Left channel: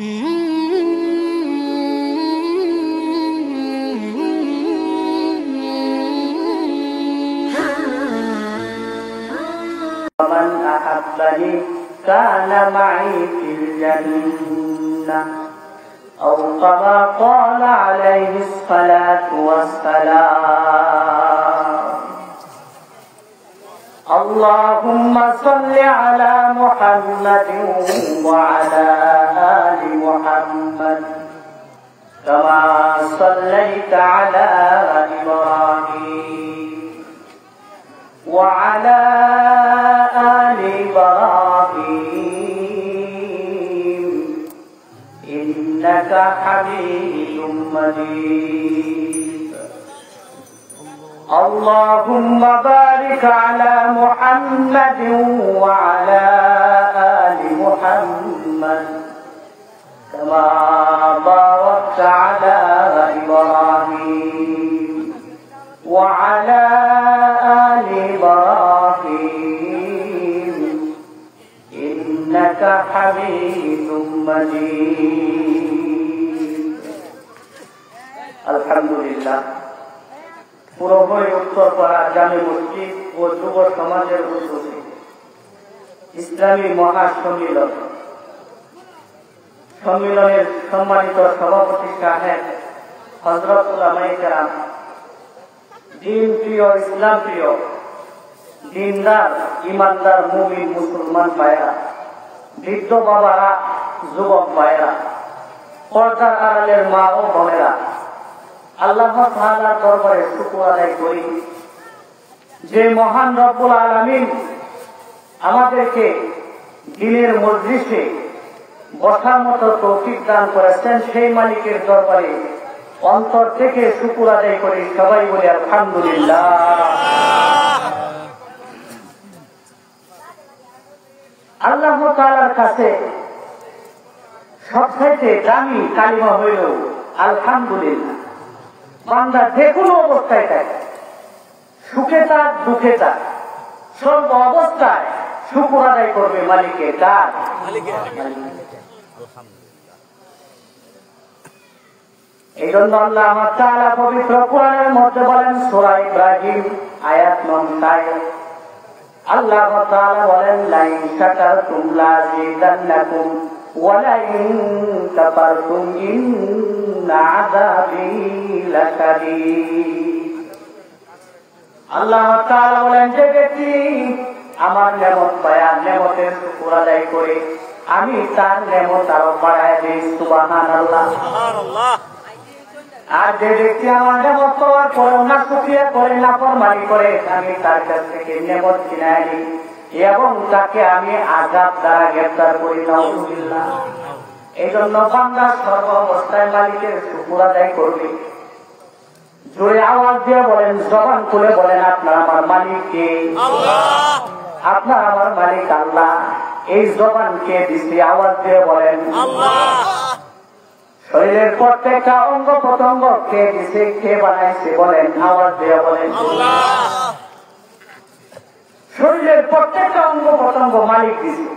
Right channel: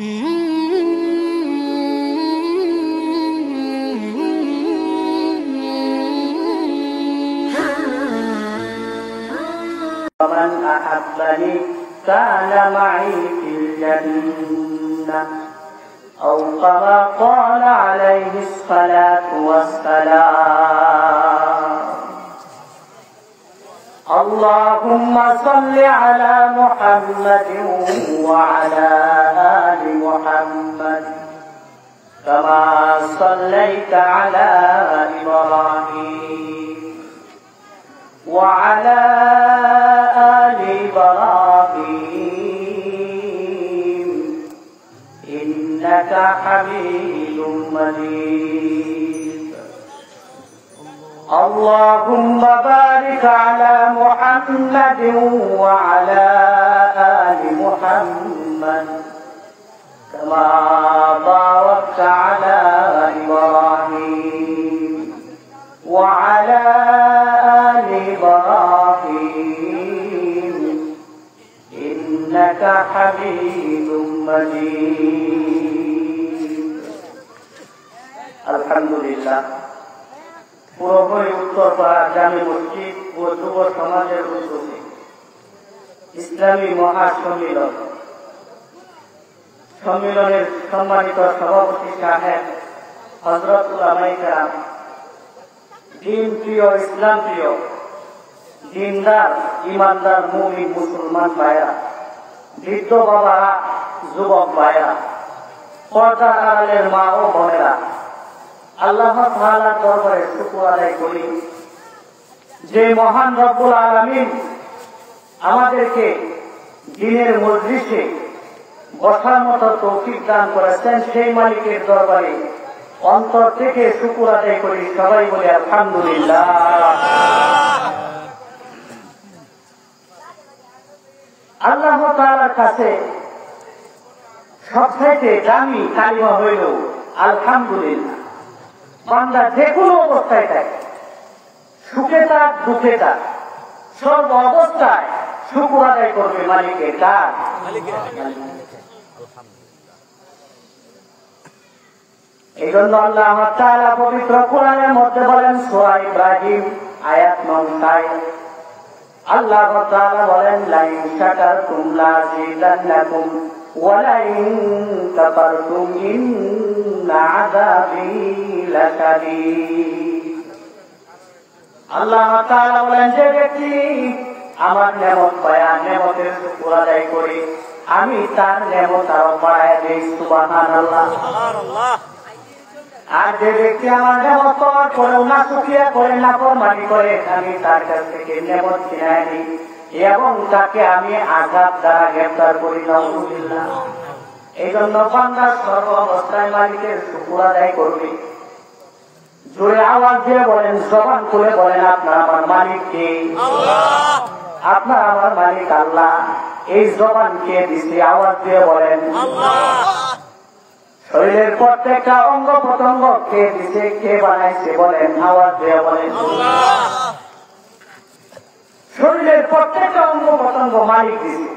ومن أحبني كان معي في الجنة أو كما قال عليه الصلاة والسلام. اللهم صل على محمد وعلى آل محمد كما صليت على إبراهيم وعلى آل إبراهيم إنك حميد مجيد. اللهم بارك على محمد وعلى آل محمد كما باركت على إبراهيم وعلى آل إبراهيم إنك حميد مجيد. الحمد لله. পুরোপুরি উত্তরপাড়া জামে মসজিদ ও যুব সমাজের উদ্যোগে ইসলামী মহাসম্মিলন সম্মিলনের সম্মানিত সভাপতি সাহেব হযরত উলামায়ে কেরাম, দিন প্রিয়, ইসলাম প্রিয়, দিনদার, ইমানদার মুমিন মুসলমান ভাইরা, বৃদ্ধ বাবারা, যুবক ভাইরা, পর্দার আড়ালের মা ও বোনেরা, আল্লাহ তাআলার দরবারে শুকর আদায় করি যে মহান রব্বুল আলামিন আমাদেরকে দ্বীনের মজলিসে বসার মতো তৌফিক দান করেছেন। সেই মালিকের দরবারে অন্তর থেকে শুকর আদায় করি। সবাই বলে আলহামদুলিল্লাহ। আল্লাহ তাআলার কাছে সবথেকে দামি কালিমা হইল আলহামদুলিল্লাহ। বান্দা যে কোনো অবস্থায় থাকে, সুখে থাক দুঃখে থাক, সর্ব অবস্থায় শুকর আদায় করবে মালিকের কার। এই জন্য আল্লাহ তাআলা পবিত্র কোরআনের মধ্যে বলেন, সূরা ইব্রাহিম আয়াত নম্বর 9, আল্লাহ তাআলা বলেন, লাইন শাকারতুম লাযিদান্নাকুম ওয়া লাইন কাফারতুম ইন্না আযাবি লাশাদীদ। আল্লাহ তাআলা বলেন, যে ব্যক্তি আমার নেমত পায়, নেমতের শুকর আদায় করে, আমি তার নেমত আরো বাড়ায় দিই। সুবহানাল্লাহ। আর যে ব্যক্তি আমার নেমত পাওয়ার পরেও না শুকরিয়া করে, না ফরমানি করে, আমি তার কাছ থেকে নেমত ছিনায় নিই এবং তাকে আমি আযাব দ্বারা গ্রেফতার করি। নাউযুবিল্লাহ। এই জন্য বান্দা সর্ব অবস্থায় মালিকের শুকর আদায় করবে। জোরে আওয়াজ দিয়ে বলেন, জবান খুলে বলেন, আপনার আমার মালিক কে? আপনার আমার মালিক আল্লাহ। এই জবানকে দিছি, আওয়াজ দিয়ে বলেন। শরীরের প্রত্যেকটা অঙ্গ প্রত্যঙ্গ কে দিছে, কে বানাইছে বলেন, আওয়াজ দিয়ে বলেন। শরীরের প্রত্যেকটা অঙ্গ প্রত্যঙ্গ মালিক দিছে,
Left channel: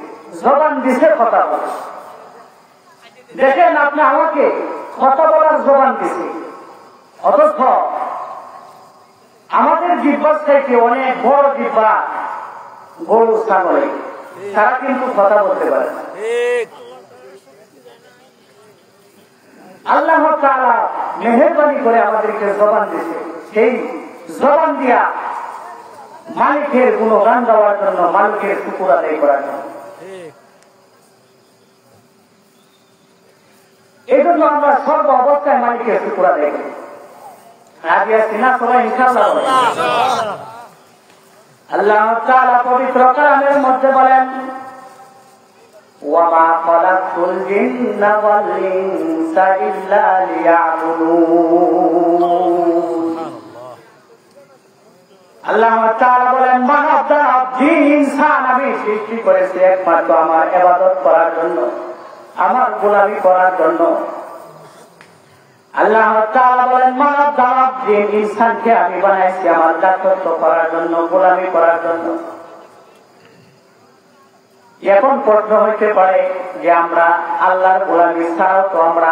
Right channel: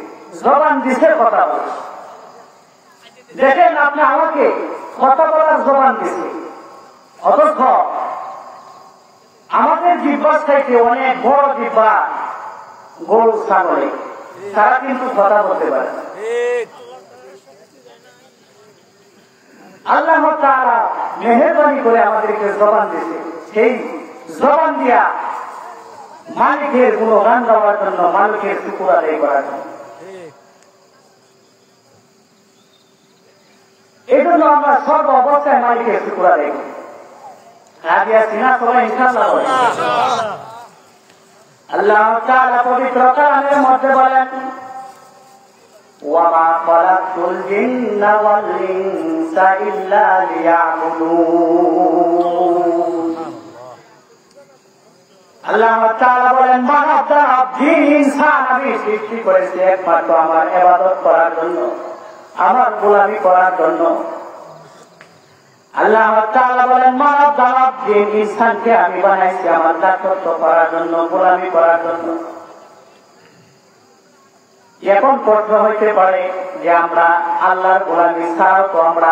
জবান দিছে কথা বলে। দেখেন আপনি আমাকে কথা বলার জবান দিছে, অথচ আমাদের জিহ্বা থেকে অনেক বড় জিহ্বা গরু ছাগলে, তারা কিন্তু কথা বলতে পারে না। আল্লাহ তাআলা মেহেরবানি করে আমাদেরকে জবান দিয়েছে, সেই জবান দিয়া মালিকের গুণগান গাওয়ার জন্য, মালিকের শুকর আদায় করার জন্য। এই জন্য আমরা সর্ব অবস্থায় মালিকের শুকর আদায় করি। আগে সিনা সবাই ইনশাআল্লাহ বলেন। আল্লাহ তাআলা পবিত্র কোরআনের মধ্যে বলেন, ওয়ামা খালাকতুল জিন্না ওয়াল ইনসা ইল্লা লিয়াবুদুন। আল্লাহ তাআলা বলেন, মানব জাতি, জিন, ইনসান আমি সৃষ্টি করেছি একমাত্র আমার ইবাদত করার জন্য, আমার গোলামি করার জন্য। আল্লাহ তাআলা বলেন, মানব জাতি, জিন, ইনসানকে আমি বানাইছি আমার দাসত্ব করার জন্য, গোলামি করার জন্য। এখন প্রশ্ন হইতে পারে যে আমরা আল্লাহর গোলামি ছাড়াও তো আমরা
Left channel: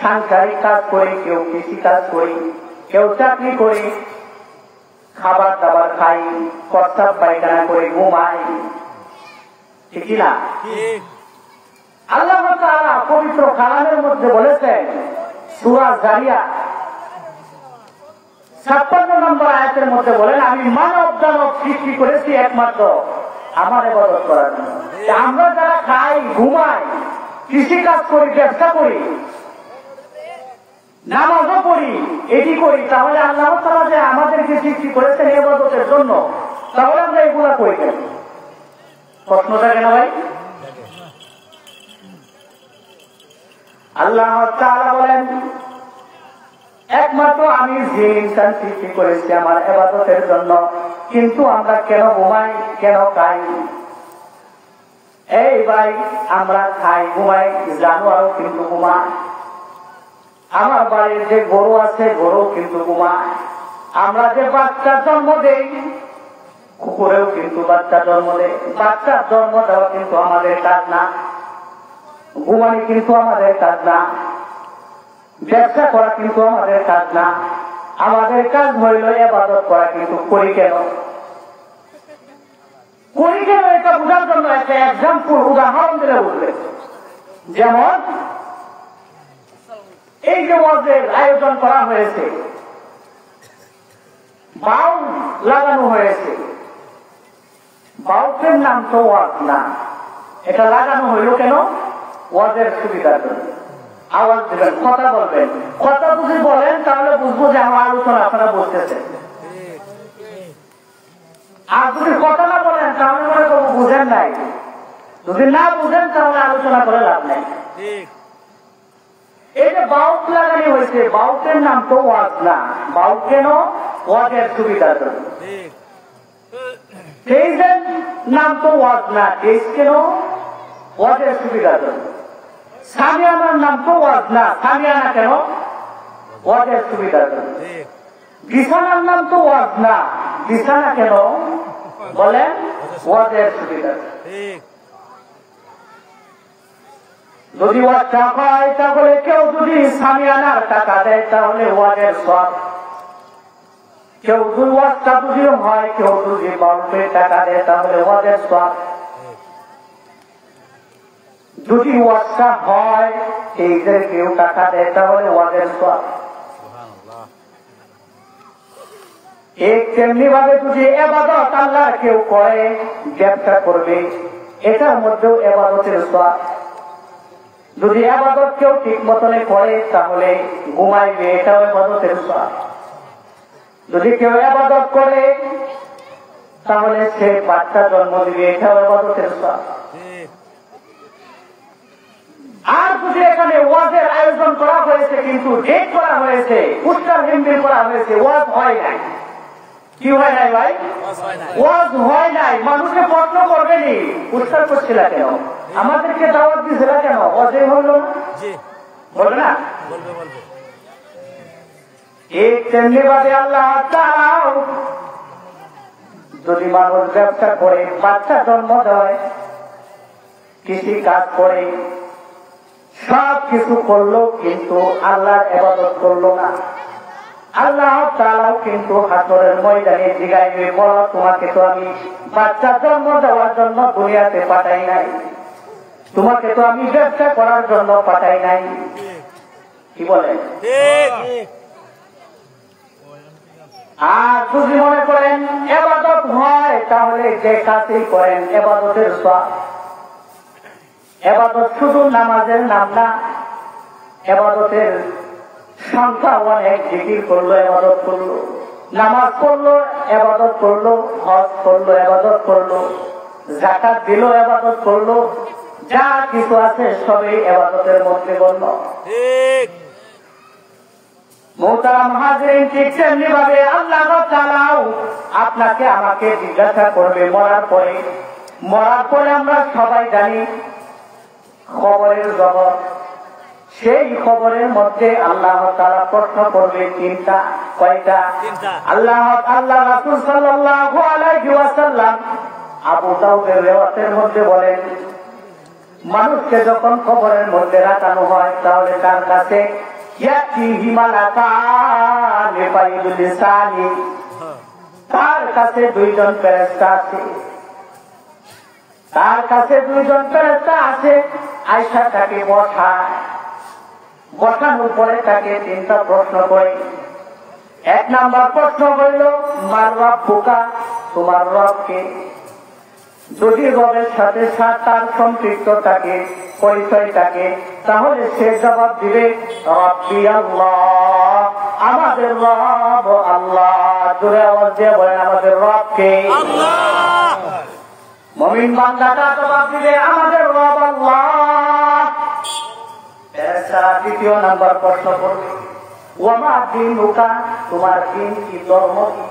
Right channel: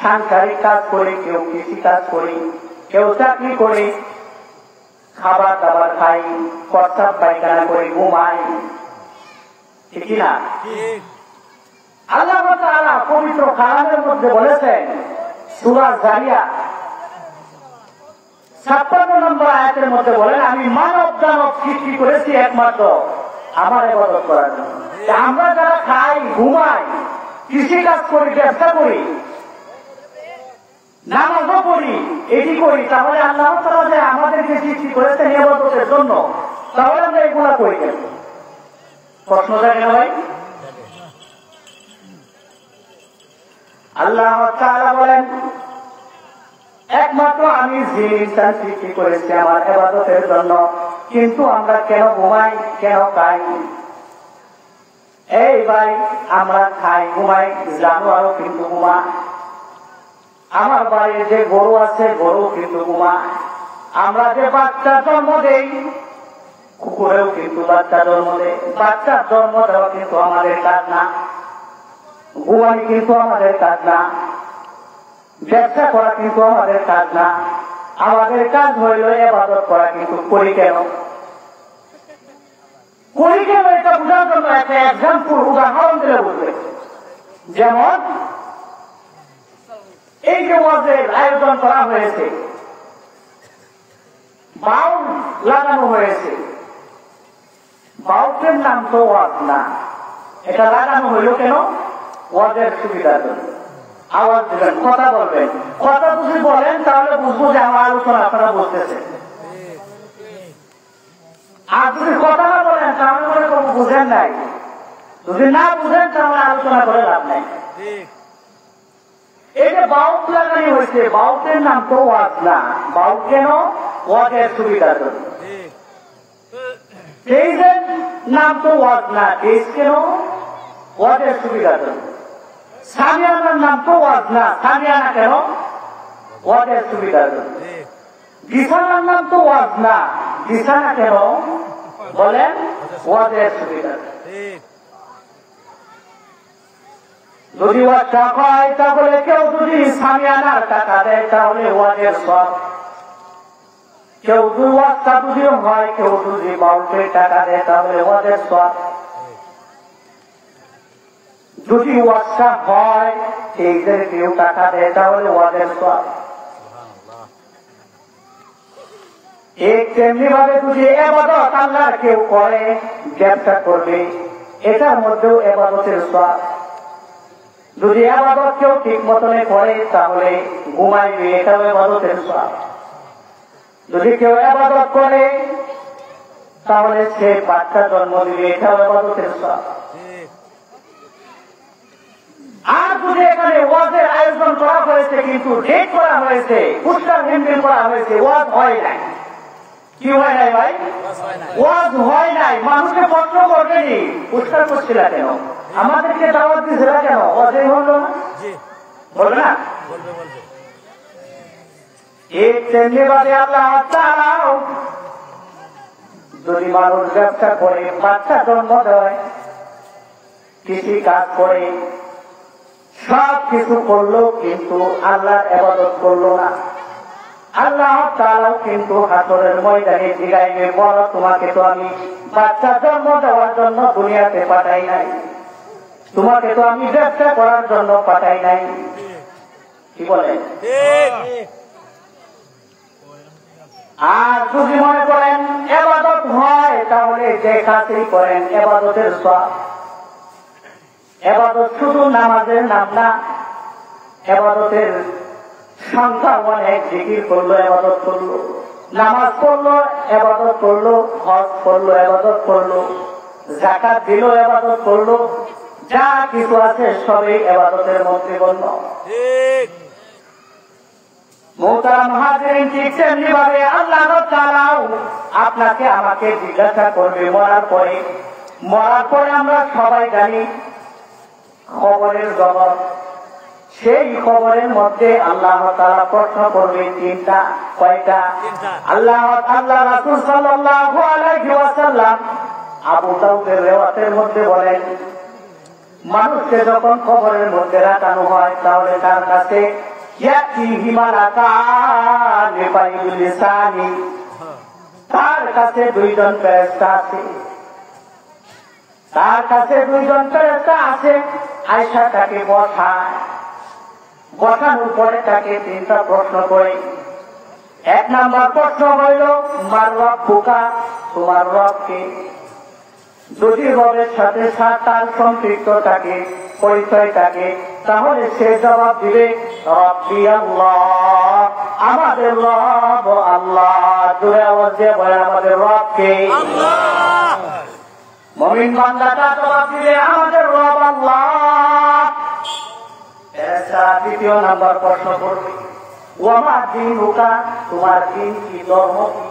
সাংসারিক কাজ করি, কেউ কৃষি কাজ করি, কেউ চাকরি করি, খাবার দাবার খাই, প্রস্তাব পায়খানা করে ঘুমাই, ঠিক না? আল্লাহ তাআলা পবিত্র কালামের মধ্যে বলেছেন সূরা জারিয়াত 56 নম্বর আয়াতের মধ্যে বলেন, আমি মানব দানব সৃষ্টি করেছি একমাত্র আমার ইবাদত করার জন্য। আমরা যারা খাই, ঘুমাই, কৃষিকাজ করি, ব্যবসা করি, নামাজও পড়ি, এটি করি, তাহলে আল্লাহ তাআলা যে আমাদেরকে সৃষ্টি করেছেন ইবাদতের জন্য, তাহলে আমরা এগুলা করি কেন? প্রশ্ন থাকে না ভাই? আল্লাহ তাআলা বলেন, একমাত্র আমি জিন ইনসান সৃষ্টি করেছি আমার ইবাদতের জন্য, কিন্তু আমরা কেন ঘুমাই, কেন খাই? এই ভাই, আমরা খাই, ঘুমাই, জানোয়ারও কিন্তু ঘুমায়। আমার বাড়ির যে গরু আছে, গরু কিন্তু ঘুমায়। আমরা যে বাচ্চার জন্ম দেই, কুকুরেও কিন্তু বাচ্চা জন্ম দেয়। বাচ্চার জন্ম দেওয়া কিন্তু আমাদের কাজ না, ঘুমানি কিন্তু আমাদের কাজ না, ব্যবসা করা কিন্তু আমাদের কাজ না। আমাদের কাজ হইল ইবাদত করা, কিন্তু করি কেন? করি কেন এটা বোঝার জন্য একটা এক্সাম্পল, উদাহরণ দিলে বুঝবে। যেমন এই যে ওয়াজের আয়োজন করা হয়েছে, বাউল লাগানো হয়েছে, বাউলের নাম তো ওয়াজ না, এটা লাগানো হইল কেন? ওয়াজের সুবিধার জন্য। আওয়াজ দেবেন, কথা বলবেন, কথা যদি বলেন তাহলে বুঝবো যে আমার আলোচনা আপনারা বলতেছেন। আর যদি কথা না বলেন তাহলে মনে করবো বুঝেন নাই, যদি না বুঝেন তাহলে আলোচনা করে লাভ নাই। এই যে বাউল লাগানি হয়েছে, বাউলের নাম তো ওয়াজ না। বাউল কেন? ওয়াজের সুবিধার জন্য। তেইজের নাম তো ওয়াজ না, তেইজ কেন? ওয়াজের সুবিধার জন্য। সামিয়ানার নাম তো ওয়াজ না, সামিয়ানা কেন? ওয়াজের সুবিধার জন্য। বিছানার নাম তো ওয়াজ না, বিছানা কেন? বলেন, ওয়াজের সুবিধার জন্য। যদি ওয়াজটা হয় তাহলে কেউ যদি সামিয়ানার টাকা দেয় তাহলে ওয়াজের সব। কেউ যদি ওয়াজটা যদিও হয়, কেউ যদি বাউলের টাকা দেয় তাহলে ওয়াজের সব। যদি ওয়াজটা হয়, এই যে কেউ টাকা দেয় তাহলে ওয়াজের সব। তেমনি ভাবে যদি ইবাদত আল্লাহর কেউ করে, ব্যবসা করবে, এটার মধ্যেও ইবাদতের সব। যদি ইবাদত কেউ ঠিক মতনে করে তাহলে ঘুমাইবে, এটাও ইবাদতের সব। যদি কেউ ইবাদত করে তাহলে সে বাচ্চা জন্ম দিবে, এটাও ইবাদতের সব। আর যদি এখানে ওয়াজের আয়োজন করা হয়েছে, কিন্তু ডেট করা হয়েছে, উত্তর হিন্দি করা হয়েছে, ওয়াজ হয় নাই। কি হয় নাই ভাই? ওয়াজ হয় নাই। মানুষকে প্রশ্ন করবেনি, উত্তর করছিল কেন? আমাদেরকে দাওয়াত দিয়েছিল কেন? ওয়াজে বলল না, বলবে না? এক তেমনি বাদে আল্লাহ তাআলা যদি মানুষ ব্যবসা করে, বাচ্চা জন্ম দেয়, কৃষি কাজ করে, সব কিছু করলো, কিন্তু আল্লাহর ইবাদত করলো না, আল্লাহ তাআলাও কিন্তু হাসরের ময়দানে জিগাইবে, বলো তোমাকে তো আমি বাচ্চা জন্ম দেওয়ার জন্য দুনিয়াতে পাঠাই নাই, তোমাকে তো আমি ব্যবসা করার জন্য পাঠাই নাই। কি বলে? আর যদি মনে করেন ইবাদত হয় তাহলে যে কাজই করেন ইবাদতের সওয়াব। ইবাদত শুধু নামাজের নাম না, ইবাদতের সংখ্যা অনেক। জিকির করলো, ইবাদত করলো, নামাজ পড়লো, ইবাদত করলো, হজ করলো, ইবাদত করলো, যাকাত দিল, ইবাদত করলো, যা কিছু আছে সবই ইবাদতের মধ্যে গণ্য। মুহতারাম হাজিরিন, ঠিক তেমনি ভাবে আল্লাহ তাআলাও আপনাকে আমাকে জিজ্ঞাসা করবে মরার পরে। মরার পরে আমরা সবাই জানি খবরের জগৎ, সেই খবরের মধ্যে আল্লাহ তাআলা প্রশ্ন করবে তিনটা। কয়টা? আল্লাহ রাসূল সাল্লাল্লাহু আলাইহি ওয়াসাল্লাম আবু দাউদের রিওয়ায়াতের মধ্যে বলেন, মানুষকে যখন কবরের মধ্যে রাখানো হয় তাহলে তার কাছে তার কাছে দুইজন ফেরেশতা আছে, তার কাছে দুইজন ফেরেশতা আছে। আয়েশা তাকে বসায়, বসানোর পরে তাকে তিনটা প্রশ্ন করে। এক নাম্বার প্রশ্ন হইল, মার রব্বুকা, তোমার রবকে। যদি রবের সাথে তার সম্পৃক্ত থাকে, পরিচয় থাকে, তাহলে সে জবাব দিবে রব্বি আল্লাহ, আমাদের রব আল্লাহ। জোরে আওয়াজ দিয়ে বলেন, আমাদের রবকে। মুমিন বান্দাটা জবাব দিবে আমাদের রব আল্লাহ। দ্বিতীয় নাম্বার প্রশ্ন করবে, ওমা দীনুকা, তোমার দিন কি, ধর্ম কি।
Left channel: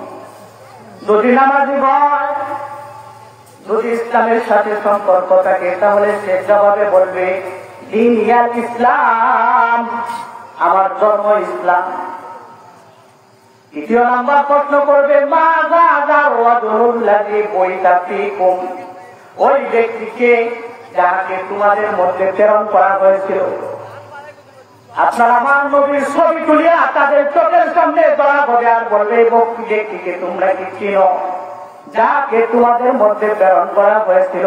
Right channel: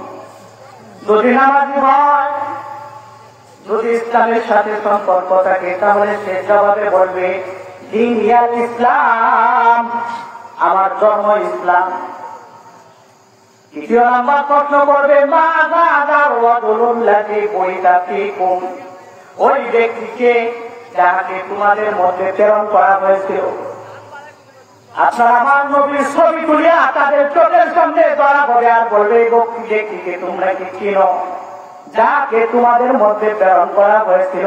যদি নামাজি হয়, যদি ইসলামের সাথে সম্পর্ক থাকে, তাহলে সে জবাবে বলবে দিন ইয়াল ইসলাম, আমার ধর্ম ইসলাম। তৃতীয় নাম্বার প্রশ্ন করবে, মা যার ওয়াদুল্লাহি বইতাফিকুম, ওই ব্যক্তিকে যাকে তোমাদের মধ্যে প্রেরণ করা হয়েছিল। আপনার আমার নবীর ছবি তুলিয়া তাদের চোখের সামনে ধরা হবে আর বলবে, এই ব্যক্তিকে তোমরা কি চিনো, যাকে তোমাদের মধ্যে প্রেরণ করা হয়েছিল।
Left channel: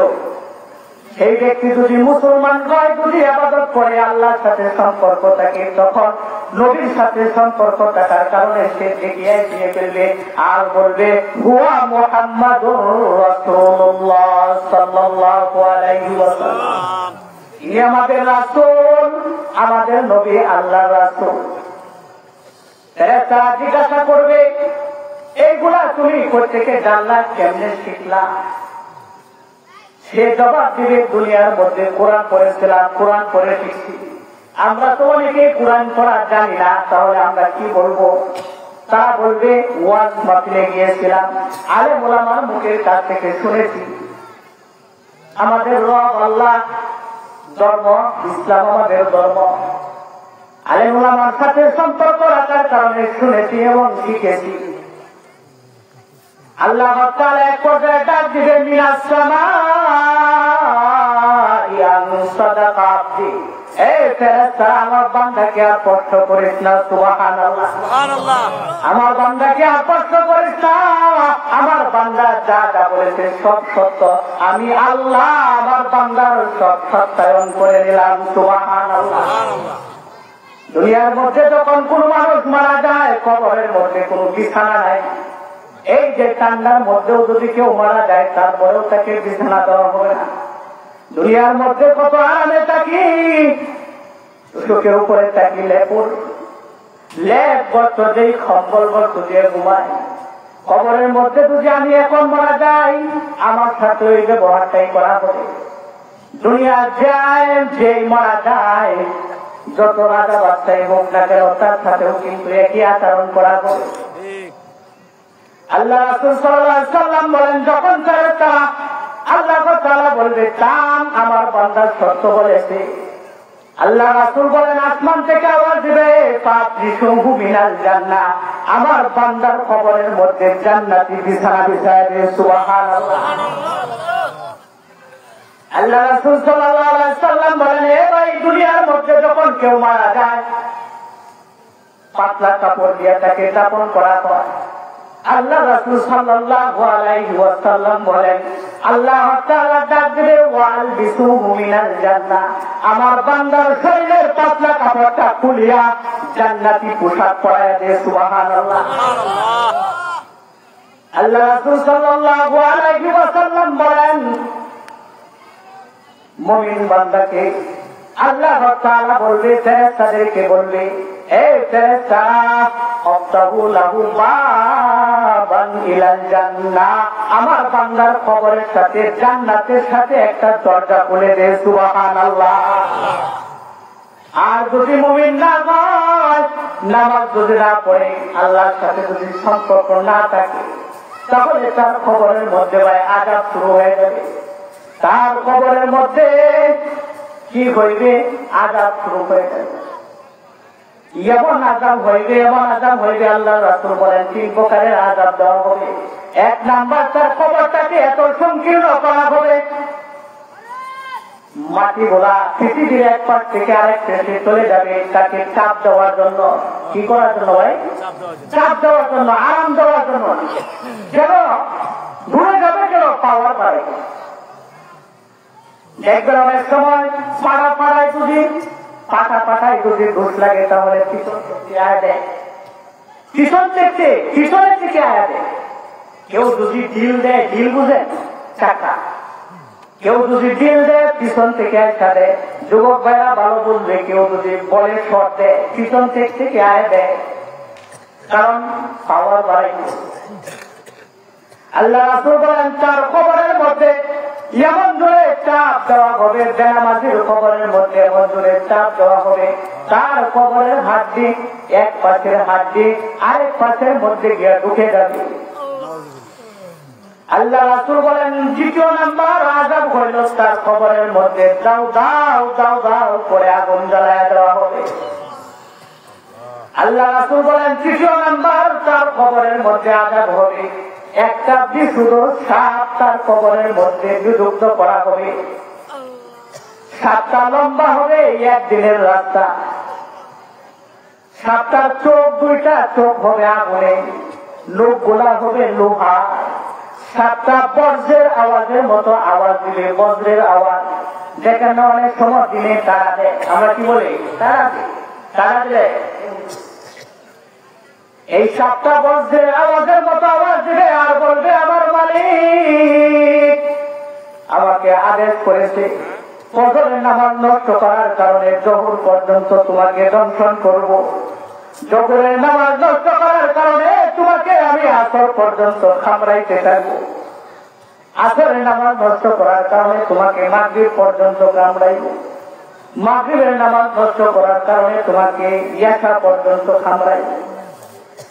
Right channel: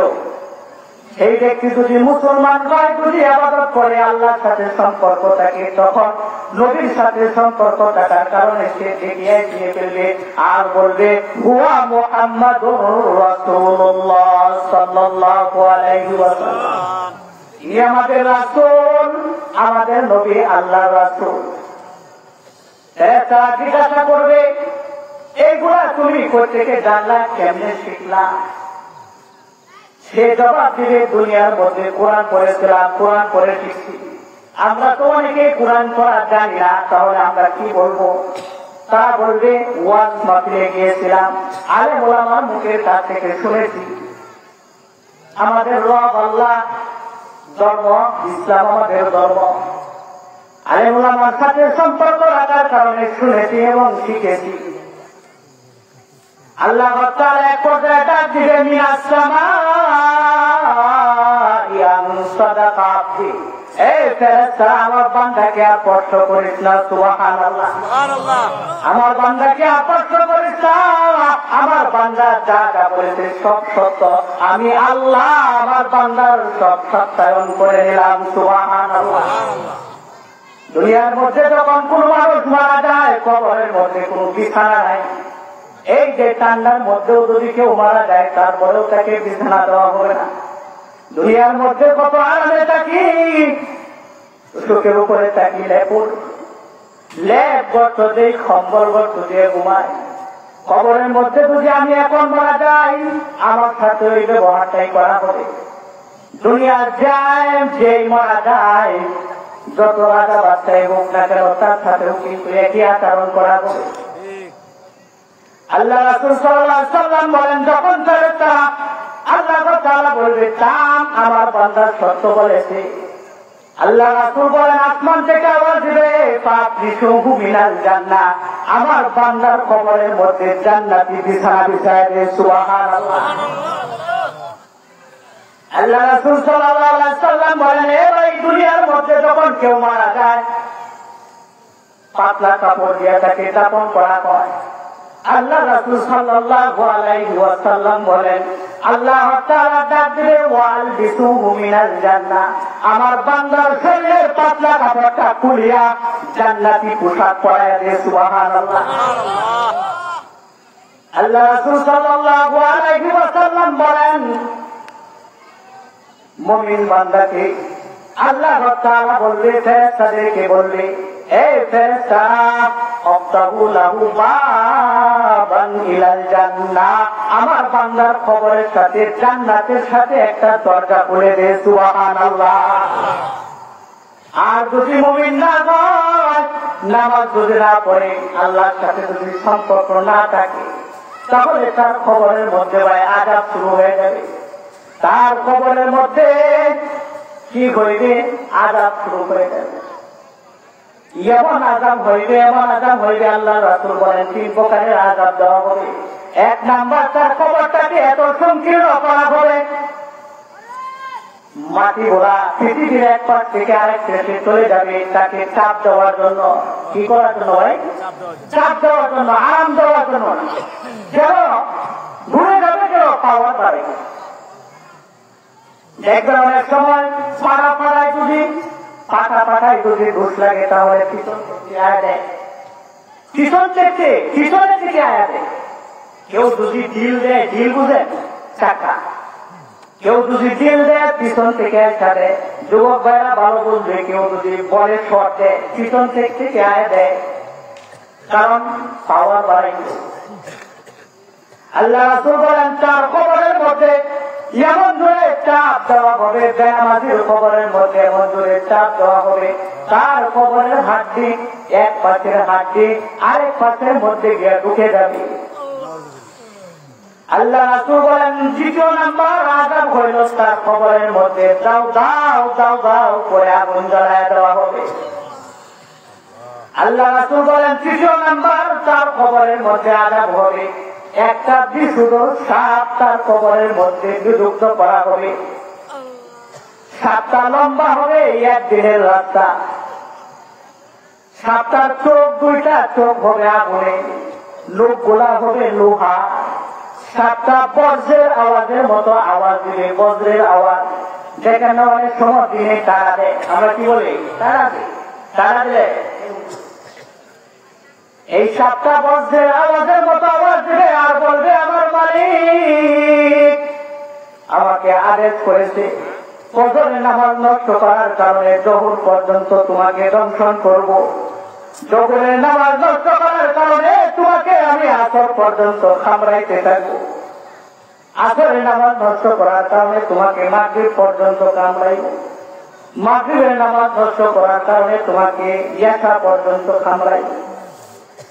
সেই ব্যক্তি যদি মুসলমান হয়, যদি ইবাদত করে, আল্লাহর সাথে সম্পর্ক থাকে, তখন নবীর সাথে সম্পর্ক থাকার কারণে সে দেখিয়ে দিয়ে ফেলবে আর বলবে, হুয়া মুহাম্মাদুর রাসূলুল্লাহ সাল্লাল্লাহু আলাইহি ওয়াসাল্লাম, ইনি আমাদের রাসূল, আমাদের নবী আল্লাহর রাসূল। তারা জিজ্ঞাসা করবে, এইগুলা তুমি কোত্থেকে জানলা, কেমনে শিখলা। সে জবাব দিবে, দুনিয়ার মধ্যে কোরআন পড়েছিলাম, কোরআন পড়ে শিখছি। আমরা তো অনেকে কোরআন পড়া জানি না, তাহলে আমরা কি বলবো। তারা বলবে, ওয়াজ মাহফিলে গিয়েছিলাম, আলেম ওলামার মুখের কাছ থেকে শুনেছি। আমাদের রব আল্লাহ, ধর্ম ইসলাম আমাদের ধর্ম। আলেম ওলামার সাথে সম্পর্ক রাখার কারণে শুনেছি এবং শিখেছি। আল্লাহ তাআলা এক পর্যায়ে ডাক দিবে, মিনাস সামাই সাদাকা আবদি, এই ফেরেশতা আমার বান্দাকে আর কষ্ট করিস না। সুবহানাল্লাহ, আমার বান্দাকে আর কষ্ট করিস না। আমার বান্দা যা যা বলেছে সব সত্য, আমি আল্লাহ আমার বান্দার সব সত্যায়ন করে নিলাম। সুবহানাল্লাহ। দুনিয়ার মধ্যে যখন কোন মানুষ মারা যায়, কবরের মধ্যে কোন বিছানা নাই। এই যে ঠান্ডার মধ্যেও যদি কেউ মারা যায়, তারপরেও তাকে বিছানা দেওয়া হবে না। দুনিয়ার মধ্যে কত আরামে থাকি, সুখের উপরে থাকি লেপ গর্ত দিয়ে, কম্বল গর্ত দিয়ে ঘুমায়। কবরের মধ্যে যদি আমি এখন মারা যাই, আমার সাথে ওই ব্যবহারটাই করা হবে। দুনিয়ার যায় যেই মারা যায়, যত রাজা বাচ্চাই হোক না কেন, তার সাথেও কিন্তু একই আচরণ করা হবে। আল্লাহ রাসূল সাল্লাল্লাহু আলাইহি ওয়াসাল্লাম বলেন, যখন তারা আল্লাহ তাআলা বলবে, কাম আমার বান্দা সত্য বলেছে, আল্লাহ রাসূল বলেন, আসমান থেকে আওয়াজ দিবে, ফাতরিসুহু মিনাল জান্নাহ, আমার বান্দার কবরের মধ্যে জান্নাতি বিছানা বিছায় দে। সুবহানাল্লাহ। আল্লাহ রাসূল সাল্লাল্লাহু আলাইহি ওয়াসাল্লাম বলেন, এ ভাই, দুনিয়ার মধ্যে যখন কেউ মারা যায়, পাতলা কাপড় দিয়ে তাকে দাফন করা হয়। আল্লাহ রাসূল সাল্লাল্লাহু আলাইহি ওয়াসাল্লাম বলেন, আল্লাহ তাআলা ডাক দিবে, ওয়ালবিসুহু মিনাল জান্নাহ, আমার বান্দার শরীরের পাতলা কাপড়টা খুলিয়া জান্নাতি পোশাক পরাইয়া দে। সুবহানাল্লাহ। আল্লাহ রাসূল সাল্লাল্লাহু আলাইহি ওয়াসাল্লাম বলেন, মুমিন বান্দাকে আল্লাহ তাআলা বলবে, ফেরেশতাদেরকে বলবে, এই ফেরেশতা, আফতাহু লাহু বাবান ইলাল জান্নাহ, আমার বান্দার কবরের সাথে জান্নাতের সাথে একটা দরজা খুলে দে। সুবহানাল্লাহ। আর যদি মুমিন না হয়, নামাজ যদি না পড়ে, আল্লাহর সাথে যদি সম্পর্ক না থাকে, তাহলে তার কবরের মধ্যে আযাব শুরু হয়ে যাবে। তার কবরের মধ্যে কি হইবে, আযাব শুরু করে দেবে। এমন আযাব হইবে, এমন আযাব হইবে, আল্লাহ রাসূল বলেন 3 প্রকারের আযাব দেওয়া হবে। 1 নাম্বার, তার কবরটাকে এত সংকীর্ণ করা হবে, মাটি ভরা পৃথিবীর এক পাশ থেকে আরেক দেশে চলে যাবে, তাকে চাপ দেওয়ার জন্য। কি করার জন্য ভাই? চাপ দেওয়ার জন্য, আরাম দেওয়ার জন্য, যেন ঘুরে যাবে, যেন পাওয়ার বাড়ে। দেখবেন অনেক সময় পাড়ায় যদি পাঠায় যদি ঘুষ লাগে, তাহলে পিছন থেকে আয়া দেয়, পিছনের থেকে আয়া দেয়। কেউ যদি ঢিল দেয়, ঢিল বুঝেন চাকা, কেউ যদি ঢিল দেয় পিছন থেকে একটা দেয়। যুবক ভাইরা ভালো বলবে, কেউ যদি বলে শট দেয়, পিছন থেকে আয় দেয়, কারণ পাওয়ার বাড়াই। আল্লাহ রাসূল বলেন তার কবরের মধ্যে এমন জোরে চাপ দেওয়া হবে, বেনামাজির কবরের মধ্যে এমন জোরে চাপ দেওয়া হবে, তার কবরের হাড্ডি এক পাশের হাড্ডি আরেক পাশের মধ্যে গিয়ে ঢুকে যাবে। আল্লাহ রাসূল বলেন 2 নম্বর আযাব হইল তার কবরের মধ্যে দাও দাও দাও দাও করে আগুন জ্বালায় দেওয়া হবে। আল্লাহ রাসূল বলেন 3 নম্বর তার কবরের মধ্যে আযাব হবে, একটা বিশুদ্ধ সাপ তার কবরের মধ্যে বিযুক্ত করা হবে। সাপটা লম্বা হবে 1 দিনের রাস্তা, সাপটার চোখ 2টা চোখ হবে আগুনে, লোকগুলা হবে লোহা। সাপটা বজ্রের আওয়াজের মতো আওয়াজ দিবে, বজ্রের আওয়াজ। যেখানে অনেক সময় দিনে তারা দেয়, আমরা কি বলি তারা দিলে, এই সাপটা বজ্রের আওয়াজের মতো আওয়াজ দিবে আর বলবে আমার মালিক আমাকে আদেশ করেছে ফজরের নামাজ নষ্ট করার কারণে জোহর পর্যন্ত তোমাকে দংশন করব, জোহরের নামাজ নষ্ট করার কারণে তোমাকে আমি আসর পর্যন্ত কামড়াইতে থাকবো, আসরের নামাজ নষ্ট করার কারণে তোমাকে মাগরিব পর্যন্ত কামড়াইব, মাগরিবের নামাজ নষ্ট করার কারণে তোমাকে ইয়াশা পর্যন্ত কামড়াইব,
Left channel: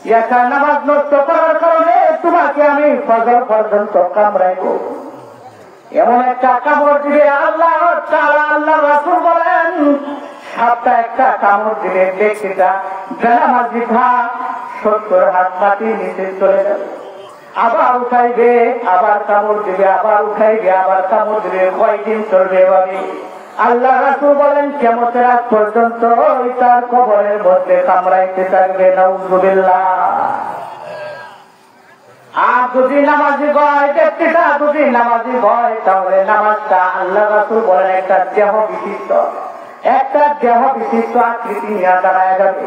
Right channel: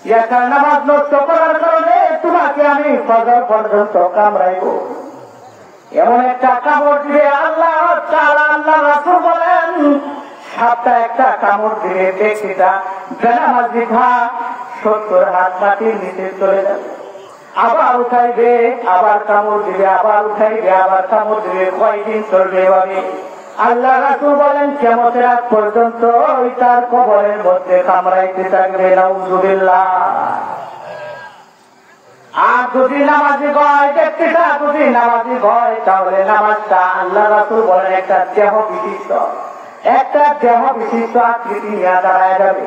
ইয়াশার নামাজ নষ্ট করার কারণে তোমাকে আমি ফজর পর্যন্ত কামড়াইব। এমন একটা কামড় দিবে আল্লাহ আল্লাহ রাসূল বলেন, সাপটা একটা কামড় দিলে ব্যক্তিটা বেনামাজি ভাব 70 হাত মাটির নিচে চলে যাবে, আবার উঠাইবে, আবার কামড় দিবে, আবার উঠাইবে, আবার কামড় দিবে। কয়দিন চলবে এভাবে? আল্লাহ রাসূল বলেন কিয়ামতের আগ পর্যন্ত ওই তার কবরের মধ্যে কামড়াইতে থাকবে। নাউযুবিল্লাহ। আর যদি নামাজি ভয়, ব্যক্তিটা যদি নামাজি ভয়, তাহলে নামাজটা আল্লাহ রাসূল বলেন একটা দেহ বিশিষ্ট আকৃতি নিয়ে দাঁড়ায় যাবে,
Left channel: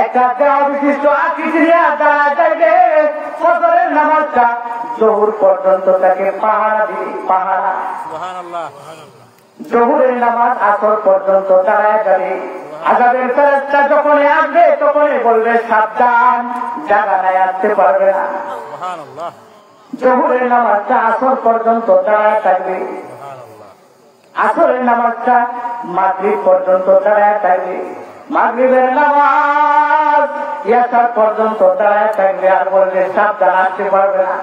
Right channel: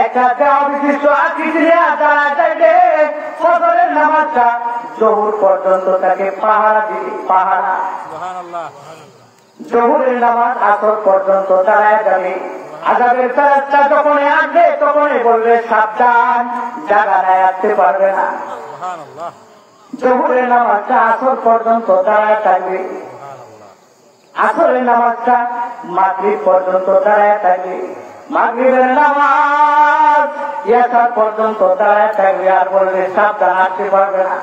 একটা দেহ বিশিষ্ট আকৃতি নিয়ে দাঁড়ায় যাবে। ফজরের নামাজটা জোহর পর্যন্ত তাকে পাহারা দিবে, পাহারা। জোহরের নামাজ আসর পর্যন্ত দাঁড়ায় যাবে। আযাবের ফেরেশতা যখন আসবে তখনই বলবে সাবধান, জায়গা নাই, আসতে পারবে না। জোহরের নামাজটা আসর পর্যন্ত দাঁড়ায় থাকবে, আসরের নামাজটা মাগরিব পর্যন্ত দাঁড়ায় থাকবে, মাগরিবের নামাজ ইয়াশা পর্যন্ত দাঁড়ায় থাকবে, আর বলবে সাবধান, আসতে পারবে না।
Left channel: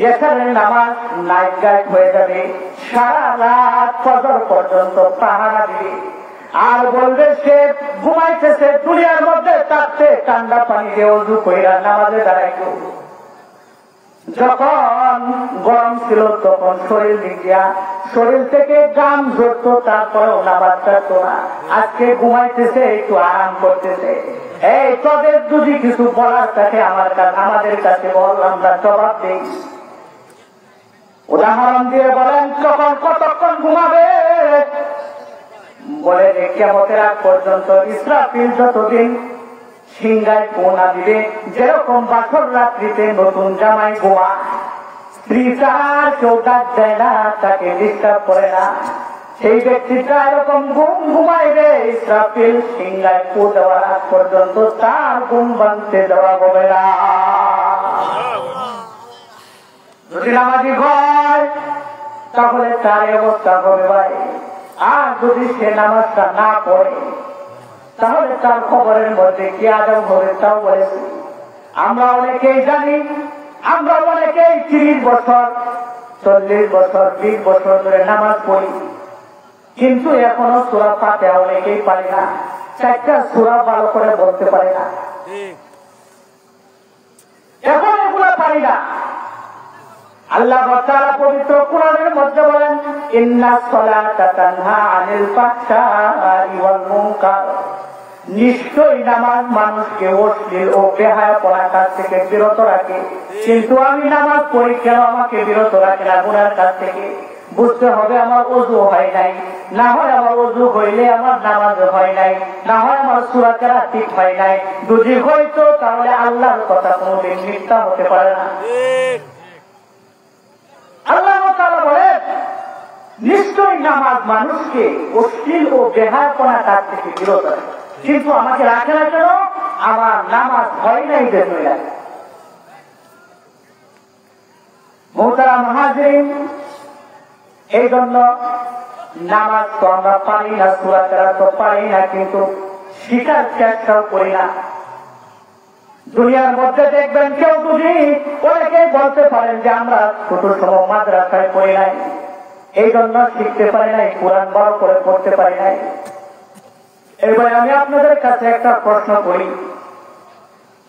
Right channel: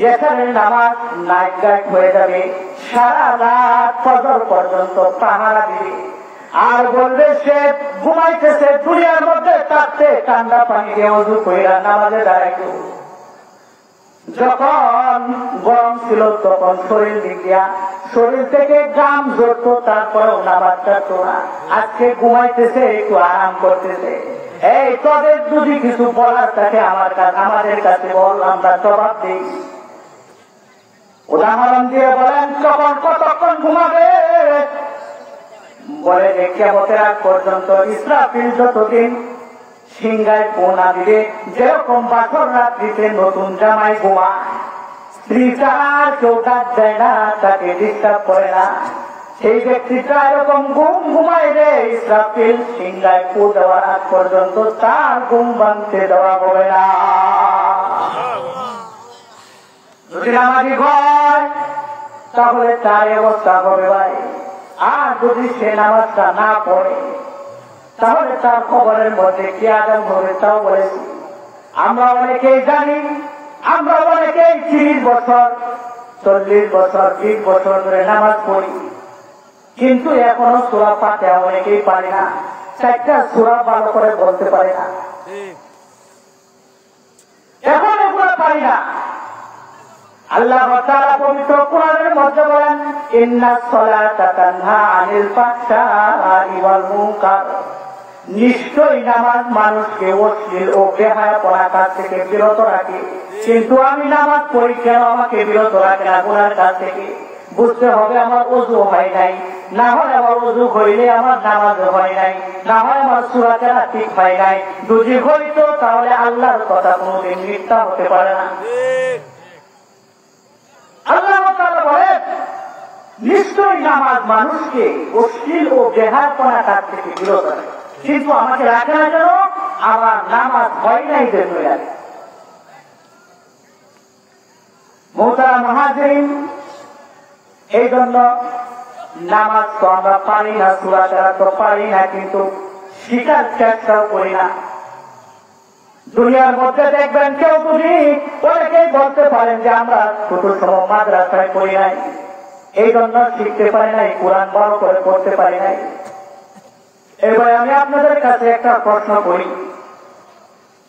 ইয়াশারের নামাজ নাইট গাইড হয়ে যাবে, সারা রাত ফজর পর্যন্ত পাহারা দিবে, আর বলবে সে ঘুমাইতেছে, দুনিয়ার মধ্যে থাকতে ঠান্ডা পানি দিয়ে ওযু কইরা নামাজে দাঁড়ায় করবে। যখন গরম ছিল তখন শরীর থেকে গাম ঝরত, তারপরেও নামাজ ছাড়তো না। আজকে ঘুমাইতেছে, একটু আরাম করতেছে। এই তোদের যদি কিছু বলার থাকে আমাদের কাছে বল, আমরা জবাব দিই। উদাহরণ দিয়ে বলেন তখন কতক্ষণ ঘুমাবে? বলে যে কিয়ামতের আগ পর্যন্ত ইসরাফিল যতদিন সিংহায় পোনা দিবে, যেরকম বাসর রাত্রিতে নতুন জামাই ঘুমা, স্ত্রী আর কেউ ডাক দেয় না, তাকে ডিস্টার্ব করে না, সেই ব্যক্তিটা এরকম ঘুমাইবে। ইসরাফিল সিংহায় পো দেওয়ার আগ পর্যন্ত তার ঘুম ভাঙতে দেওয়া হবে না। যদি নামাজি হয় তাহলে তার অবস্থা হবে ভাই। আর যদি সে নামাজটা না পড়ে তাহলে তার খবরের মধ্যে কি আদম হবে তাও বলেছি। আমরা অনেকেই জানি, আমরা অনেকেই 30 বছর 40 বছর 20 বছর ধরে নামাজ পড়ি, কিন্তু এখনো সূরা ফাতিহা অনেকেই পারি না। চারটা সূরা ভালো করে বলতে পারে না, এখন এগুলো পারি না। আল্লাহ তাআলা পবিত্র কোরআনের মধ্যে বলেন, ইন্নাস সালাতা তানহা আনিল ফাহশাই ওয়াল মুনকার, নিশ্চয়ই নামাজ মানুষকে অশ্লীল ও বেহায়াপনা কাজ থেকে বিরত রাখে। কিন্তু আমি নামাজ পড়ি কেন আমাকে বিরত রাখে না গুনার কাজ থেকে? বুঝতে হবে আমার ওযু হয় নাই, না হয় আমার ওযু হইলে আমার নামাজ হয় নাই, না হয় আমার সূরা কেরাত ঠিক হয় নাই। যদি হইতো তাহলে আল্লাহর কথা কোনদিন মিথ্যা হতে পারে না। আল্লাহ তাআলা বলেন, নিশ্চয়ই নামাজ মানুষকে অশ্লীল ও বেহায়াপনা কাজ থেকে বিরত রাখে, কিন্তু আমাকে রাখে না কেন? আমার নামাজ হয় নাই জন্য। মুহতারাম হাজিরিন, এই জন্য নামাজ তো আমরা পারি না, সূরা কেরাত তো পারি না, কিন্তু শিকার চেষ্টাও করি না। দুনিয়ার মধ্যে দেখবেন কেউ যদি অনেকেই বলতে পারেন যে আমরা ছোট সময় মাদ্রাসায় পড়ি নাই, এই জন্য শিখতে পারি নাই, কোরআন ভালো করে পড়তে পারি নাই। এবার আমি আপনাদের কাছে একটা প্রশ্ন করি,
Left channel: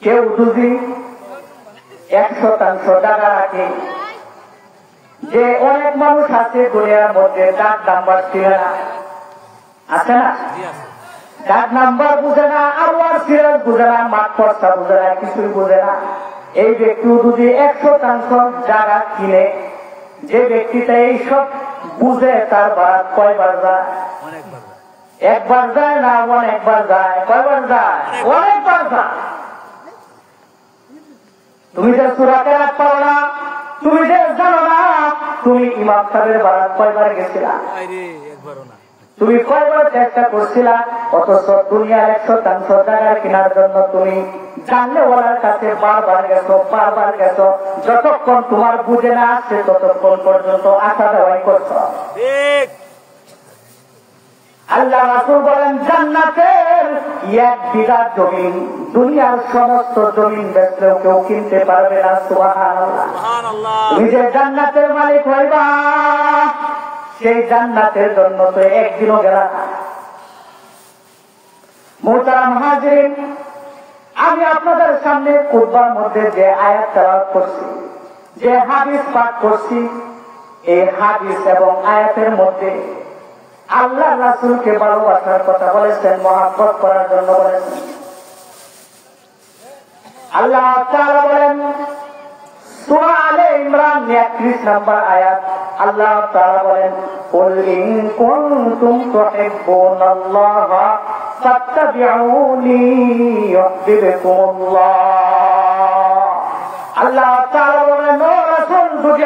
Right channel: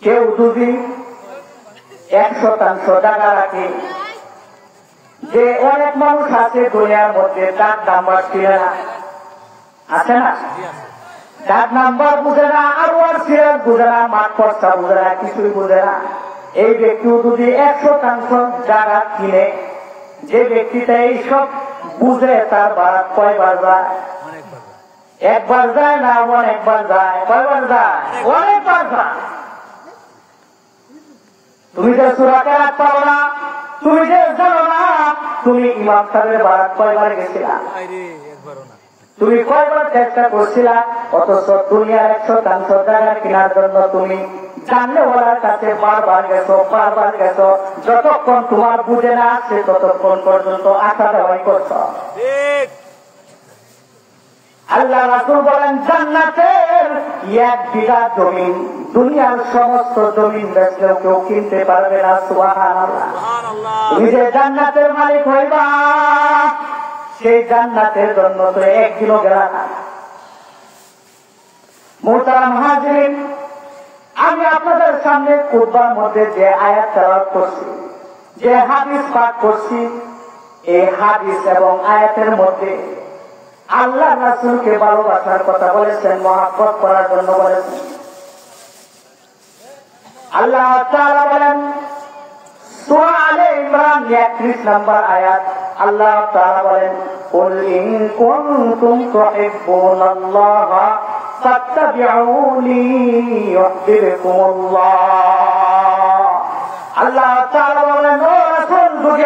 কেউ যদি 100% টাকা রাখে, যে অনেক মানুষ আছে দুনিয়ার মধ্যে ডাক নাম্বার ছিলেন না, আছে না? ডাক নাম্বার বুঝে না, আবার সিরিয়াল বুঝে না, মাঠ পর্চা বুঝে না, কিছুই বুঝে না। এই ব্যক্তি যদি 100% জায়গা কিনে, যে ব্যক্তিটা এইসব বুঝে তার বারাত কয়বার যায়? একবার যায় না, অনেকবার যায়? কয়বার যায়? অনেকবার যায়। তুমি যে সূরা কেরাত পারো না, তুমি যে জানো না, তুমি ইমাম সাহেবের বারাত কয়বার গেছিলা? তুমি কয়বার চেষ্টা করছিলা? অথচ দুনিয়ার 100% জায়গার কেনার জন্য তুমি জানলেওয়ালার কাছে বারবার গেছো, বারবার গেছো। যতক্ষণ তোমার বুঝে না আসছে ততক্ষণ পর্যন্ত আশা দেওয়াই করছো। আল্লাহ রাসূল বলেন, জান্নাতের 1 বিঘা জমিন দুনিয়ার সমস্ত জমিন বেচলেও কেউ কিনতে পারবে না। সুবহানাল্লাহ। তুমি যে জান্নাতের মালিক হইবা, সেই জান্নাতের জন্য তো একদিনও গেলা না। মুহতারাম হাজিরিন, আমি আপনাদের সামনে খুতবার মধ্যে যে আয়াত তেলাওয়াত করছি, যে হাদিস পাঠ করছি, এই হাদিস এবং আয়াতের মধ্যে আল্লাহ রাসূলকে ভালোবাসার কথা বলেছেন, মহব্বত করার জন্য বলেছেন। আল্লাহ তাআলা বলেন, সূরা আলে ইমরান 31 নম্বর আয়াত, আল্লাহ তাআলা বলেন, কুল ইন কুনতুম তুহিব্বুনাল্লাহা ফাত্তাবিউনি ইউহিব্বুকুমুল্লাহ। আল্লাহ তাআলা বলেন, ও রাসূল, যদি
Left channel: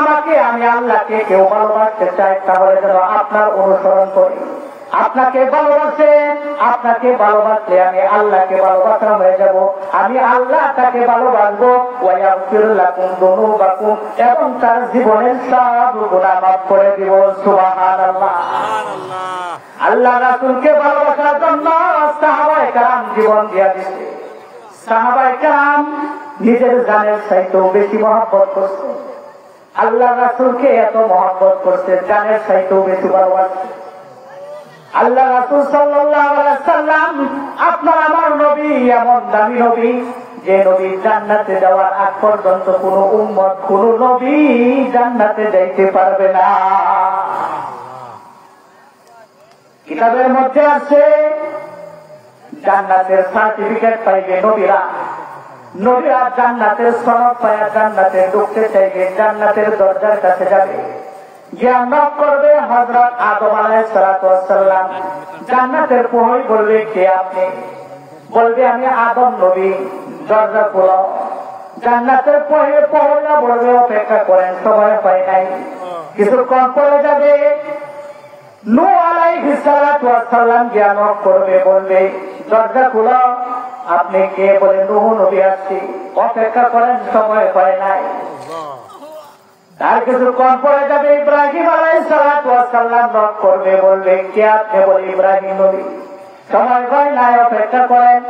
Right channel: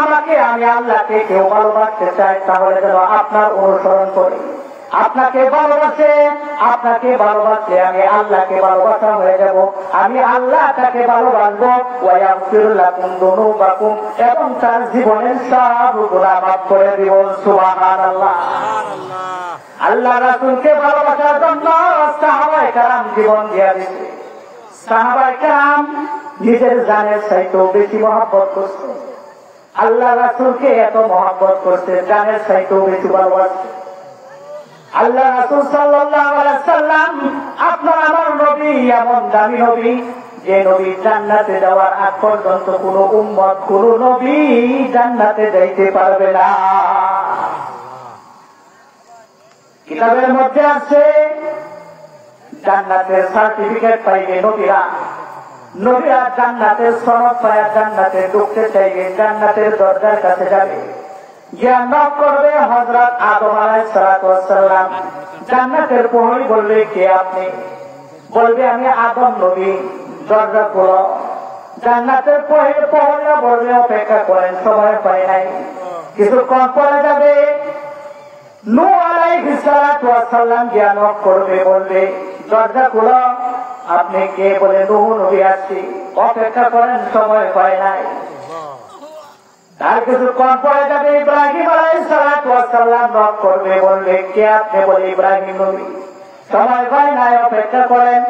আমাকে আমি আল্লাহকে কেউ ভালোবাসতে চাই, তাহলে যেন আপনার অনুসরণ করি। আপনাকে ভালোবাসলে আমি আল্লাহকে ভালোবাসা হয়ে যাব, আমি আল্লাহ তাকে ভালোবাসবো। ওয়ায়াগফির লাকুম যুনুবাকুম, এবং তার জীবনের সব গুনাহ মাফ করে দিব। সুবহানাল্লাহ। আল্লাহ রাসূলকে ভালোবাসার জন্য সাহাবায়ে কেরাম জীবন দিয়ে দিয়েছে। সাহাবায়ে কেরাম নিজের জানের চাইতেও বেশি মহব্বত করছে। আল্লাহ রাসূলকে এত মহব্বত করছে, জানের চাইতেও বেশি ভালোবাসছে। আল্লাহ রাসূল সাল্লাল্লাহু আলাইহি সাল্লাম আপনার আমার নবী, এমন দামি নবী, যে নবী জান্নাতে যাওয়ার আগ পর্যন্ত কোন উম্মত, কোন নবী জান্নাতে যাইতে পারবে না। কিতাবের মধ্যে আছে, জান্নাতের সার্টিফিকেট পাইবে নবীরা জান্নাতের সনদ পায়া জান্নাতে ঢুকতে চাইবে, জান্নাতের দরজার কাছে যাবে, জ্ঞান লাভ করবে হযরত আদম আলাইহিস সালাম। জান্নাতের প্রহরী বলবে, কে আপনি? বলবে, আমি আদম নবী, দরজা খোলো। জান্নাতের প্রহরীরা বলবে, অপেক্ষা করেন, সময় হয় নাই। কিছুক্ষণ পরে যাবে, নূহ আলাইহিস সালাম জ্ঞান করবে, বলবে, দরজা খোলো। আপনি কে? বলে, নূহ নবী আসছি। অপেক্ষা করেন, সময় হয় নাই। তার কিছুক্ষণ পরে যাবে, ইব্রাহিম আলাইহিস সালাম নক করবে, বলবে, কে আপনি? বলে, ইব্রাহিম নবী। সময় হয় নাই, অপেক্ষা করেন।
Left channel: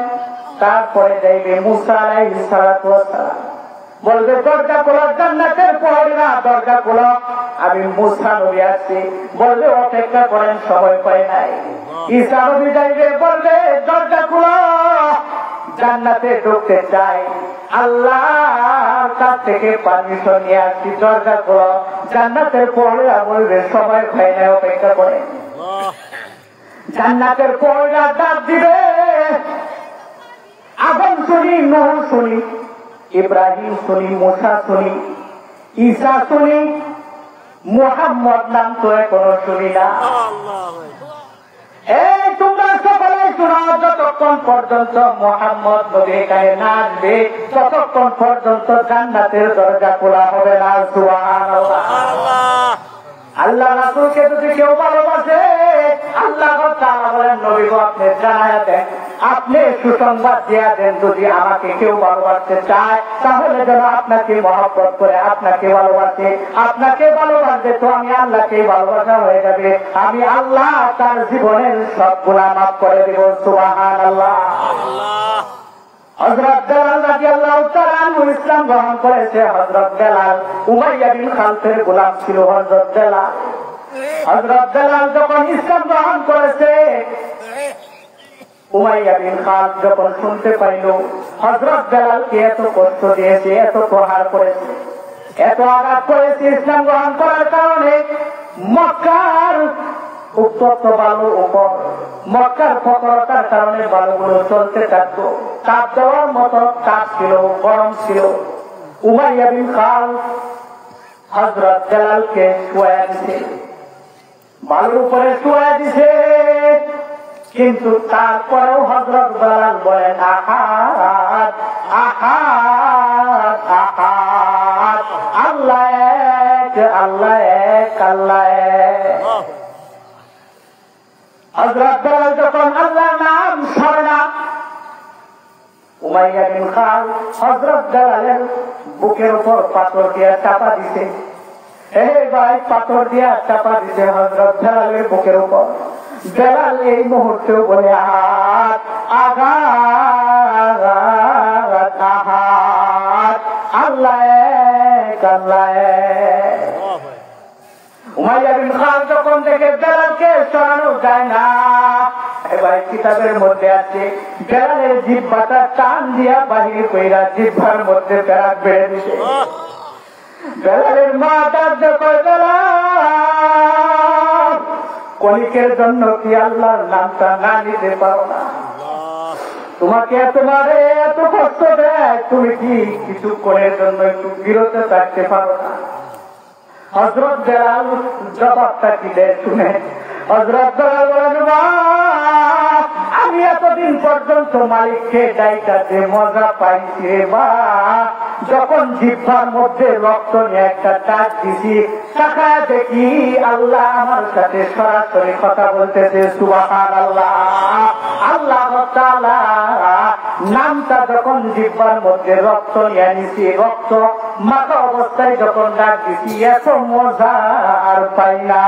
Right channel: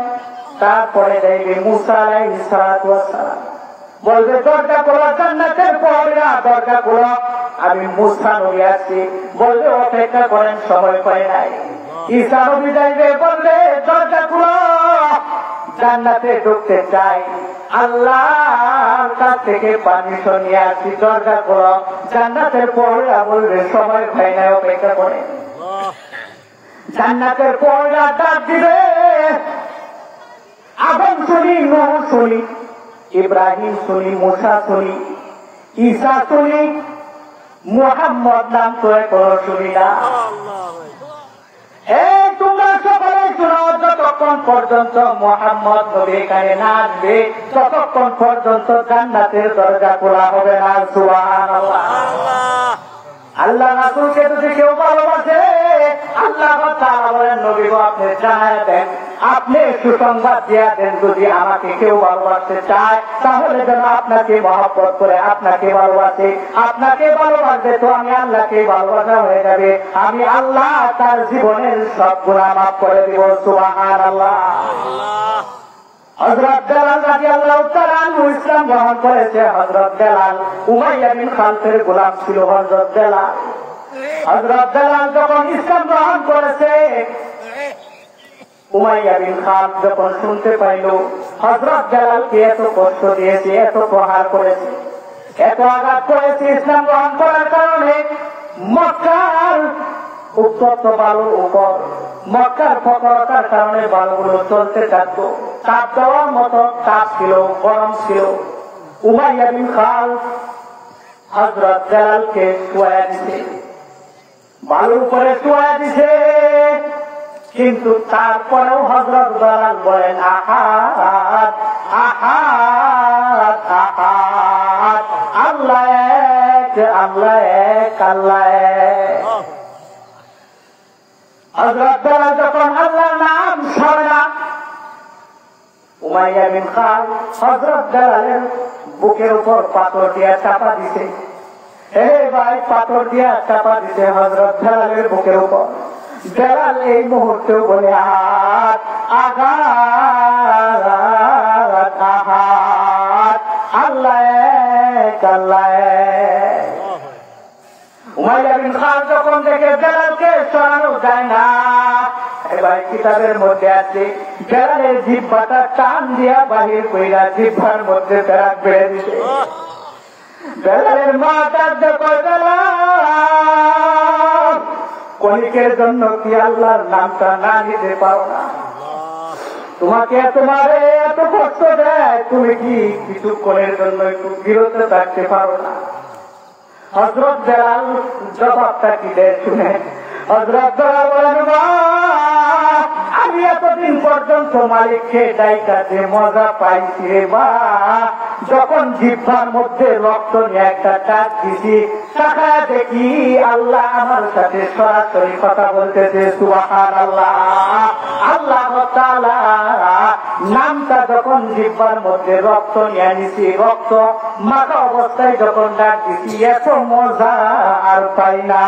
তারপরে যাইবে মুসা আলাইহিস সালাম। বলবে দরজা খোলো, জান্নাতের প্রহরীরা দরজা খোলো, আমি মুসা নবী আসছি। বলবে অপেক্ষা করেন, সময় করে নাই। ঈসা নবী যাইবে, বলবে দরজা খোলো, জান্নাতে ঢুকতে চাই, আল্লাহর কাছ থেকে পারমিশন নিয়ে আসছি, দরজা খোলো। জান্নাতের প্রহরীরা বলবে সময় হয় নাই, অপেক্ষা করে। জান্নাতের প্রহরীরা ডাক দিবে, আদম শুনি, নূহ শুনি, ইব্রাহিম শুনি, মুসা শুনি, ঈসা শুনি, মুহাম্মদ নাম তো এখনো শুনি না। এই তোমরা সকলে শোনো, যতক্ষণ পর্যন্ত মুহাম্মদ নবী এখানে না আসবে ততক্ষণ পর্যন্ত জান্নাতের দরজা খোলা হবে না। সুবহানাল্লাহ। আল্লাহ রাসূলকে যদি কেউ ভালোবাসে, আল্লাহ তাআলা বলেন নবী গো আপনি জানায়া দেন, আপনি সুসংবাদ দিয়া দেন, যদি আমাকে কেউ ভালোবাসতে চায় তাহলে যেন আপনাকে মহব্বত করে আপনাকে ভালোবাসে। আপনাকে ভালোবাসবে তো আমি আল্লাহকে ভালোবাসা হয়ে যাবে, আমি আল্লাহ তার জীবনের সব গুনাহ মাফ করে দেব। সুবহানাল্লাহ। হযরত বেলাল রাদিয়াল্লাহু তাআলা আনহু ইসলাম গ্রহণ করেছে। হযরত বেলাল উমাইয়া বিন খালদের গোলাম ছিল। হযরত বেলাল যখন ইসলাম গ্রহণ করেছে, উমাইয়া বিন খালদ যখন শুনতে পাইল হযরত বেলালকে এত কষ্ট দিয়েছে, এত প্রহার করেছে, এত আঘাত করেছে ইসলাম গ্রহণ করার কারণে, মক্কার উত্তপ্ত বালুর উপর, মক্কার প্রখরতার কারণে বালুগুলো চলতে থাকতো, তাপ দেওয়ার মতো তাপ ছিল, গরম ছিল। উমাইয়া বিন খালদ হযরত বেলালকে শুয়ায়া দিছে, বালুর উপরে শুয়ায়া দিছে, কিন্তু তারপরেও হযরত বেলাল বলেন আহাদ আহাদ আহাদ, আল্লাহ এক, আল্লাহ এক, আল্লাহ এক। হযরত বেলাল যখন আল্লাহর নাম ছাড়ে না, উমাইয়া বিন খালদ হযরত বেলালের বুকের উপর পাথর দিয়ে চাপা দিছে। ভাই পাথর দিয়ে চাপা দিছে হযরত বেলালের বুকের উপর। বেলাল এই মুহূর্তে বলে আহাদ আহাদ আহাদ, আল্লাহ এক, আল্লাহ এক। উমাইয়া বিন খালদ যখন দেখে বেলালকে সরানো যায় না, এবার কিতাবের মধ্যে আছে বেলালের জিহ্বাটা টান দিয়া বাহির কইরা জিহ্বার মধ্যে বেড়াক বেড়ে দিছে। বেলালের মা ডাকতে কয় বেলাল, কলিকের জন্য কি আল্লাহর নামটা না নিতে পারো না? তোমাকে তোমার এত কষ্ট দেয়, তুমি কি কিছু করে জন্য একটু বিরত থাকতে পারো না? হযরত বেলাল জবাবটা কি দেয় শুনে, হযরত বেলাল বলেন মা, আমি এতদিন পর্যন্ত মালিককে ডাইকাতে মজা পাইছি রে মা, যখন জিহ্বার মধ্যে রক্ত নিয়ে একটা টাচ দিছি, তাকায় দেখি আল্লাহ আমার সাথে সরাসরি কথা বলতেছে। সুবহানাল্লাহ। আল্লাহ তাআলা নামটা যখন জিহ্বার মধ্যে রক্ত নিয়ে নিছি, রক্ত মাথা অবস্থায় যখন ডাক দিছি, এত মজা আর পাই না।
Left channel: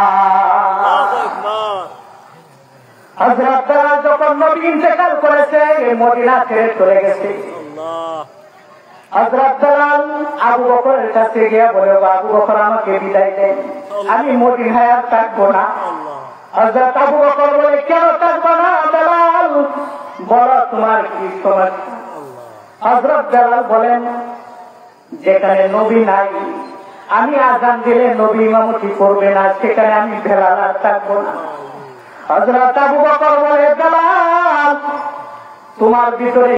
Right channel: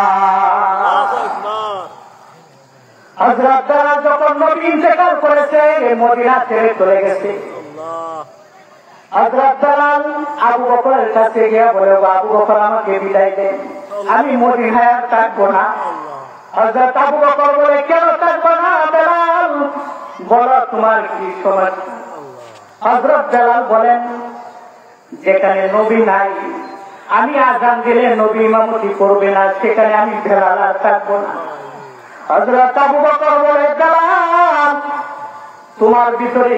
হযরত বেলাল যখন নবী ইন্তেকাল করেছে, মদিনা ছেড়ে চলে গেছে, হযরত বেলাল আবু বকরের কাছে গিয়ে বলে আবু বকর আমাকে বিদায় দেন, আমি মদিনায় আর থাকবো না। হযরত আবু বকর বলে কেন থাকবো না বেলাল, বলো তোমার কি সমস্যা? হযরত বেলাল বলেন যেখানে নবী নাই, আমি আযান দিলে নবী ইমামতি করবে না, সেখানে আমি বেলাল আর থাকবো না। হযরত আবু বকর বলে বেলাল তোমার ভিতরে